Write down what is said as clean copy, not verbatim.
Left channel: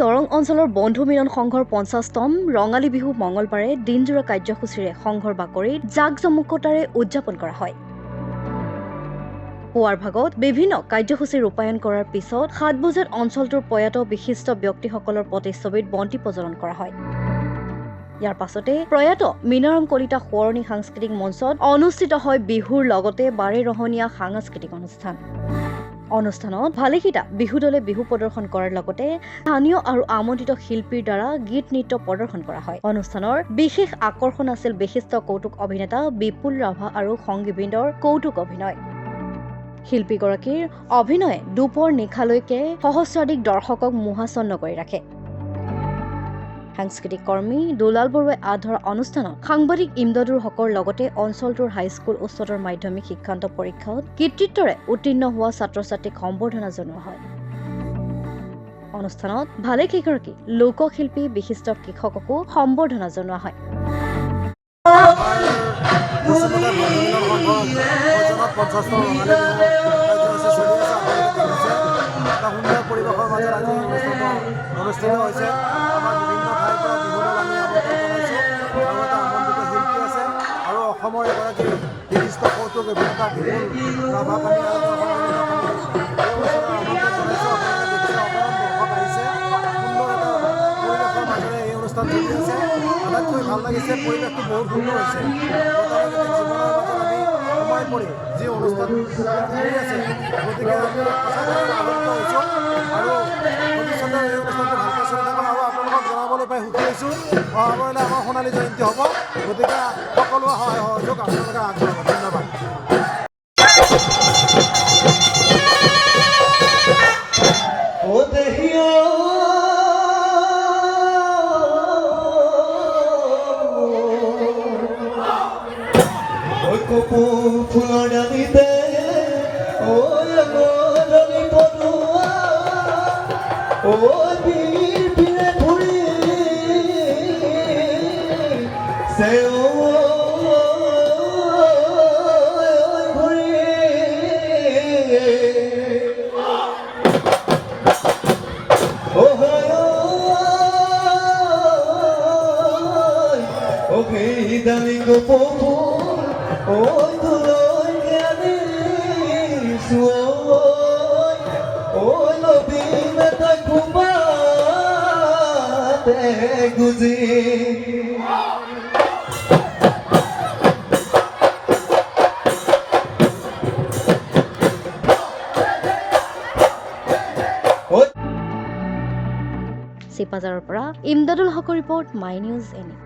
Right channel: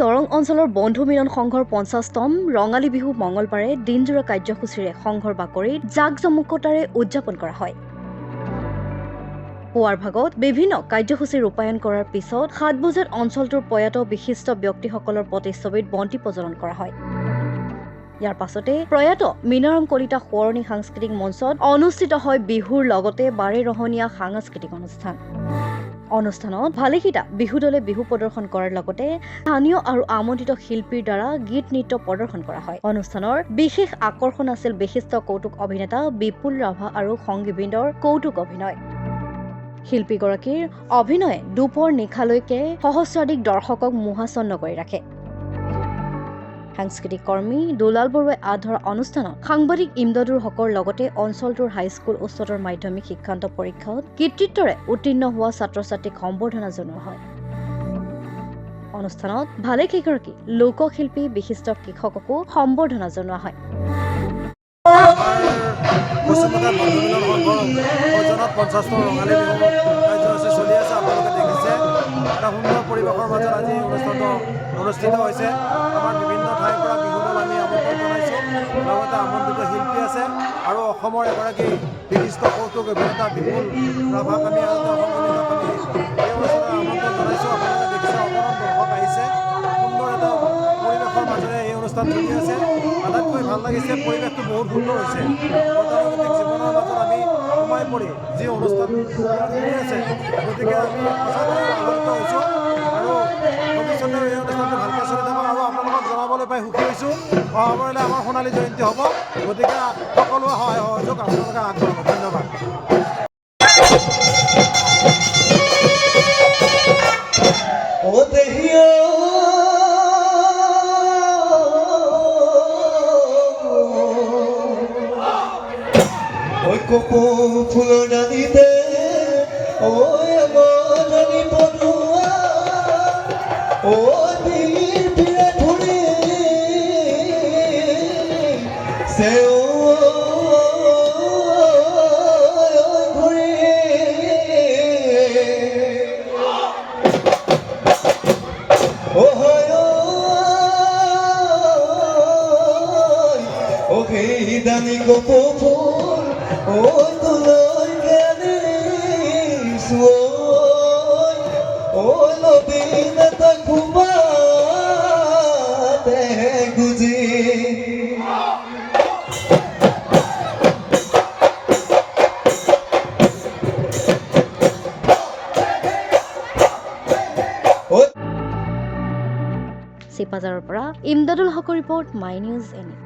দৰং অঞ্চলৰ বন্ধু মিলন সংঘৰ ৫০তম ৰঙালী বিহু মঙলবাৰে দিনজোৰা কাৰ্যসূচীৰে সংঘৰ বাকৰিত জাক-জমকতাৰে উদযাপন কৰা হয়। পুৱাৰ ভাগত বিভিন্ন কাৰ্যসূচী ৰূপায়ণ কৰাৰ পিছত ৭ বজাত অঞ্চলটোৰ প্ৰয়াত বিশিষ্ট ব্যক্তিসকলৰ প্ৰতিচ্ছবিত বন্তি প্ৰজ্বলন কৰা হয়। ইয়াৰ পাছতে প্ৰয়াত মীনাৰাম কলিতা সোঁৱৰণী সাংস্কৃতিক মঞ্চত অনুষ্ঠিত হয় বিহুৰ লগতে বাৰেৰহণীয়া সাংস্কৃতিক অনুষ্ঠান। অনুষ্ঠানত ভালেকেইটা বিহু দলে বিহু প্ৰদৰ্শন কৰাৰ লগতে স্থানীয় আৰু আমন্ত্ৰিত শিল্পীৰ দ্বাৰা গীত নৃত্য প্ৰদৰ্শন কৰা হয়। অনুষ্ঠানৰ বিশেষ আকৰ্ষণ আছিল বিশিষ্ট কৌতুক অভিনেতা বিপুল ৰাভা আৰু সংগীবৃন্দৰ কৌতুক অভিনয়। শিল্পীগৰাকীৰ অভিনয়ে দুপৰ নিশালৈকে সহস্ৰাধিক দৰ্শকক মোহাচ্ছন্ন কৰি ৰাখে। সাংস্কৃতিক কৰ্মী দুলাল বৰুৱাই আধৰা অনুষ্ঠানত সাংবাদিক ইমদাদুল হকৰ লগতে অঞ্চলটোৰ হাইস্কুল উচ্চতৰ মাধ্যমিক শিক্ষান্ত পৰীক্ষাত কৃতিত্বৰে উত্তীৰ্ণ হোৱা ছাত্ৰ-ছাত্ৰীক সম্বৰ্ধনা জনোৱা হয়। অনুষ্ঠানত ভালেকেইগৰাকী লোকশিল্পী বিশিষ্ট কৃষককো সম্বৰ্ধনা জনোৱা হয়। সুন্দৰ পৰিৱেশৰ মাজত আজি অনুষ্ঠিত হৈছে। আমাৰ বিভিন্ন ঠাইৰ পৰা বিহু দল আমি আমন্ত্ৰণ জনাইছোঁ। লগতে আমন্ত্ৰিত শিল্পী আছে আৰু অসমৰ এগৰাকী বিশিষ্ট কৌতুক অভিনেতা বিপুল ৰাভাক আমি এই অনুষ্ঠানত আমন্ত্ৰণ জনাইছোঁ। আপোনালোকে দেখিছে অগণন দৰ্শক আহিছে। সুন্দৰ এটা পৰিৱেশৰ মাজেৰে এই অনুষ্ঠান চলি আছে। আটাইতকৈ ভাল লাগিছে, পৰিৱেশটো বহুত সুন্দৰ হৈছে। গতানুগতিক জীৱনৰ মাজত আমি সোমাই পৰি যি অনুষ্ঠান চলি আছে, গতিকে আমি সঁচাকৈ আনন্দিত হৈছোঁ আৰু ভৱিষ্যতে এই অনুষ্ঠানটো ভালকৈ চলি থাকক। আৰু আপোনালোকক জনাবলৈ পাই সুখী হৈছোঁ, অহাবাৰলৈ আমাৰ সোণালী জয়ন্তী হ'ব। গতিকে সকলোৱে সহায় সহযোগ আপোনালোকে আগবঢ়াব। ধন্যবাদ। ফুলৰ দাবিতে দামি গপো চিপাজাৰৰ পৰা ইমদাদুল হকৰ ৰিপৰ্ট, মাই নিউজ এনি।